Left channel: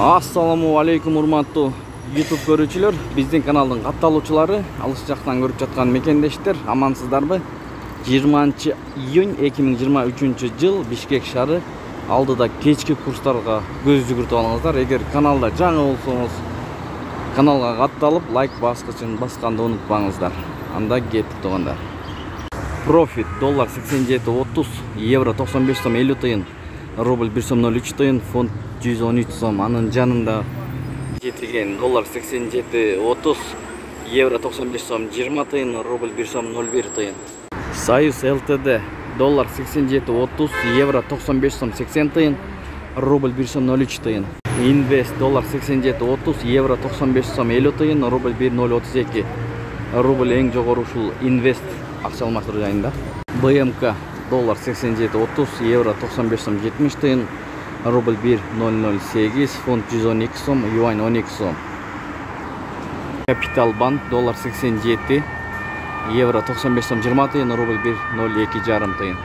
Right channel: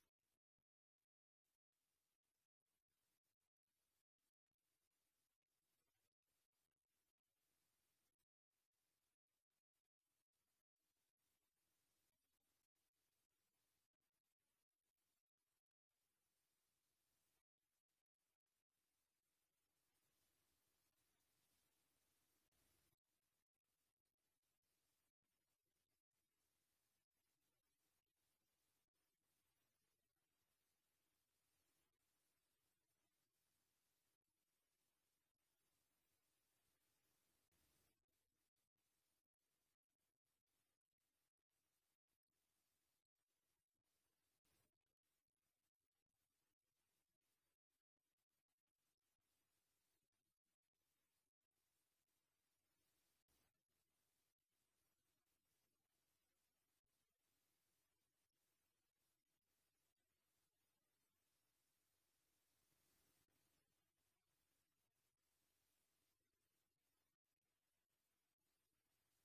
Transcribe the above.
Assalamu alaikum урматтуу YouTube көрүүчүлөр, биздин каналдын катталуучулары, алыс жактан көрүп жаткан мекендештер, амансыздарбы? 20 июнь 2023 жыл Бишкек шаары алдыда кечки курстарга көз жүгүртүп алыңыздар. Эгер каналда жаңы болсоңуз, каналга катталып, лайк баскычын басканды унутпаңыздар. Анда кеттик тугандар. Профит доллар 87.30, евро 95 сом 50 тыйын, рубль 1 сом 03 тыйын, фунт 113 сом. Анын жанында жетилген доллар 87.30, евро 95 сом 20 тыйын, рубль 1 сом 01 тыйын. Союз ЛТД доллар 87.30, евро 95 сом 80 тыйын, рубль 1 сом 03 тыйын. Инвест доллар 87.30, евро 95 сом 50 тыйын, рубль 1.032. Рубль эң жогору ушул инвест акча алмаштыруу жайында. БМК доллар 87.30, евро 95 сом 70 тыйын, рубль 1.008, фунт 112 сом, юань 12 сом. Капитал банк доллар 87, евро 95 сом 20 тыйын, рубль 1.02 жарым тыйын.